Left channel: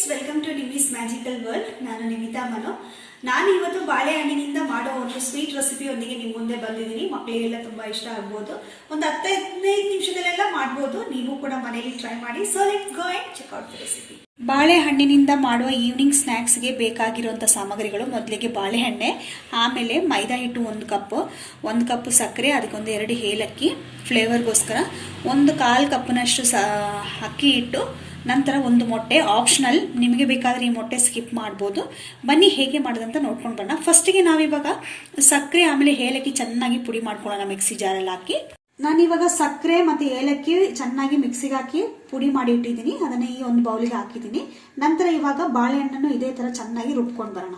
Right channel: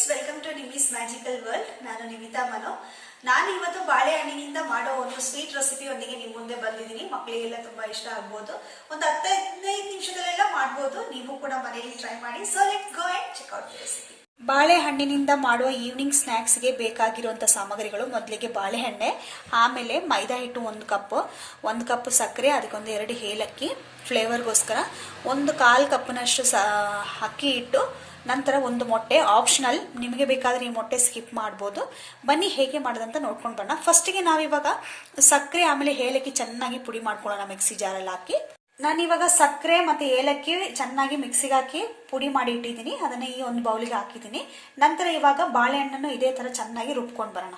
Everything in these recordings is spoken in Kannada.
Friends, welcome to Nimi's magical world. ನಾನು ನಿಮಿತಾ ಮನು. ನಾನು ಇವತ್ತು ಬಾಳೆಹಣ್ಣಿನಿಂದ ಮಾಡೋ ಒಂದು ಸ್ವೀಟ್ ರೆಸಿಪಿಯೊಂದಿಗೆ ನಿಮ್ಮ ಮುಂದೆ ಬಂದಿದ್ದೀನಿ. ಮಕ್ಕಳಿಗೆಲ್ಲ ತುಂಬಾ ಇಷ್ಟ ಆಗ್ಬೋದು. ಒಂದು 10-15 ನಿಮಿಷದಲ್ಲೆಲ್ಲ ಮಾಡ್ಬೋದು. ನೀವು ಕೂಡ ಮನೆಯಲ್ಲಿ ಟ್ರೈ ಮಾಡಿ. So let's go and check out the recipe. ಬಾಳೆಹಣ್ಣಿನಿಂದ ಮಾಡುವ ಈವ್ನಿಂಗ್ ಸ್ನ್ಯಾಕ್ಸ್ಗೆ ಬೇಕಾಗಿರುವಂಥ ಸಾಮಗ್ರಿಗಳು: ಮೊದಲಿಗೆ ಬಾಳೆಹಣ್ಣೆ, ಆಮೇಲೆ ಮೈದಾ ಹಿಟ್ಟು 1 ಕಪ್ ಸಕ್ಕರೆ, ಅದಕ್ಕೊಂದು 2 ಏಲಕ್ಕಿ ಫ್ಲೇವರ್ಗೋಸ್ಕರ, 1/4 ಕಪ್ನಷ್ಟು ಅಕ್ಕಿ ಹಿಟ್ಟು, ನಂತರ 1 ಮೊಟ್ಟೆ. ಆಪ್ಷನಲ್, ನಿಮಗೆ ಬೇಕಾದರೆ ಈ ಮೊಟ್ಟೆ ಸ್ಕಿಪ್ ಮಾಡ್ಬೋದು. ಬನ್ನಿ ಹೇಗೆ ಮಾಡೋದಂತ ನೋಡ್ಕೊಂಡು ಬರೋಣ. ಫಸ್ಟಿಗೆ ನಾವಿವಾಗ ಸಕ್ಕರೆ ಆಮೇಲೆ ಏಲಕ್ಕಿ ಚೆನ್ನಾಗಿ ಪುಡಿ ಮಾಡ್ಕೊಳ್ಳೋಣ ಮಿಕ್ಸಿ ಜಾರಲ್ಲಿ ಹಾಕಿ. ನಾನಿವಾಗ ಸಕ್ಕರೆ ಮತ್ತೆ ಏಲಕ್ಕಿ ಚೆನ್ನಾಗಿ ಮಿಕ್ಸಿಗೆ ಹಾಕಿ ಪುಡಿ ಮಾಡಿ ಇಟ್ಟಿದ್ದೀನಿ. ಅದನ್ನ ಈ ಒಂದು ಬೌಲಿಗೆ ಹಾಕಿದ್ದೀನಿ. ನಂತರ ಇವಾಗ ಬಾಳೆಹಣ್ಣನ್ನು ಇದೇ ತರ ಚೆನ್ನಾಗಿ ರುಬ್ಕೊಂಡು ಬರೋಣ.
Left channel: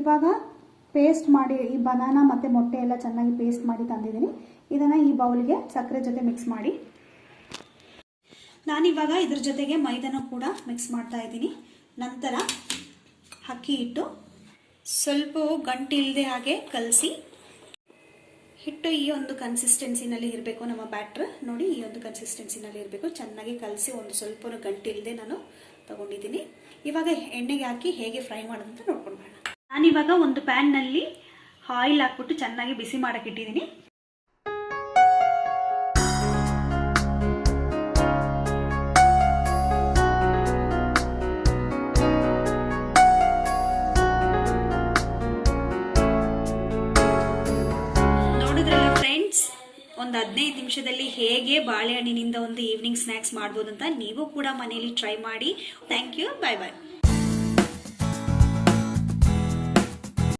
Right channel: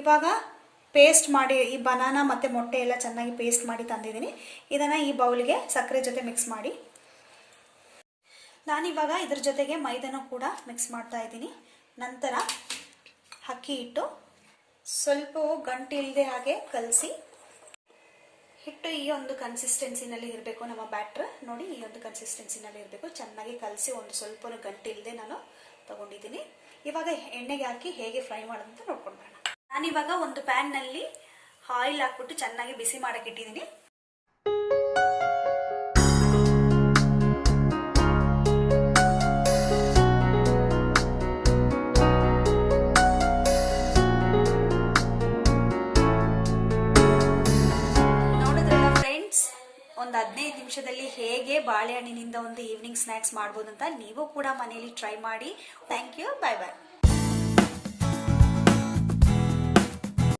ಇವಾಗ ಪೇಸ್ಟ್ ಮಾಡಿ ಈ ಬನಾನಾ ಮತ್ತು ಮೊಟ್ಟೆ ಎಲ್ಲ ಚೆನ್ನಾಗಿ ಪೇಸ್ಟ್ ಮಾಡಿ ತಂದಿದ್ದೀನಿ. ಇದನ್ನು ಈ ಬೌಲ್ಗೆ ಸಕ್ಕರೆ ಜೊತೆ ಮಿಕ್ಸ್ ಮಾಡಿ. ನಾನಿವಾಗ ಇದ್ರ ಜೊತೆಗೆ ಮೈದಾನ ಕೂಡ ಮಿಕ್ಸ್ ಮಾಡ್ತಾ ಇದ್ದೀನಿ. ನಂತರ ಅಕ್ಕಿ ಹಿಟ್ಟು ಸ್ವಲ್ಪ ಗಂಟು ಇಲ್ಲದೆ ಹಾಗೆ ಕಲಸಿ. ಹಿಟ್ಟು ಈ ಒಂದು ಕನ್ಸಿಸ್ಟೆನ್ಸಿನಲ್ಲಿ ಇರಬೇಕು. ನಮ್ಮ ಬ್ಯಾಟ್ರ್ ನೋಡಿ ಈ ಒಂದು ಕನ್ಸಿಸ್ಟೆನ್ಸಿನಲ್ಲಿ ಇರಬೇಕು. ಚೆನ್ನಾಗಿ ಕಲಸಿ ಒಂದು ಸ್ವಲ್ಪ ಗಂಟು ಇಲ್ಲದೆ ನಾನು ತಗೊಂಡಿದ್ದೀನಿ. ಇವಾಗ ಎಣ್ಣೆಗೆ ಹಾಕಿ ಹೇಗೆ ಫ್ರೈ ಮಾಡೋದಂತ ನೋಡ್ಕೊಂಡು ಬರೋಣ. ನಾನಿವಾಗ ಒಂದು ಪ್ಯಾನ್ನಲ್ಲಿ ಆಯಿಲ್ ಹಾಕ್ಬಿಟ್ಟು ಚೆನ್ನಾಗಿ ಬಿಸಿ ಮಾಡಕ್ಕೆ ಇಟ್ಟಿದ್ದೀನಿ. ನೋಡಿದ್ರಲ್ಲ ಫ್ರೆಂಡ್ಸ್, ಒಂದು 15 ನಿಮಿಷದಲ್ಲಿ ಹೇಗೆ ಬಾಳೆಹಣ್ಣಿನಿಂದ ಒಂದು ಈವ್ನಿಂಗ್ ಸ್ನ್ಯಾಕ್ಸ್ ಮಾಡ್ಬೋದು ಅಂತ. ನೀವು ಕೂಡ ಮನೆಯಲ್ಲಿ ಟ್ರೈ ಮಾಡಿ. Thank you. Bye bye.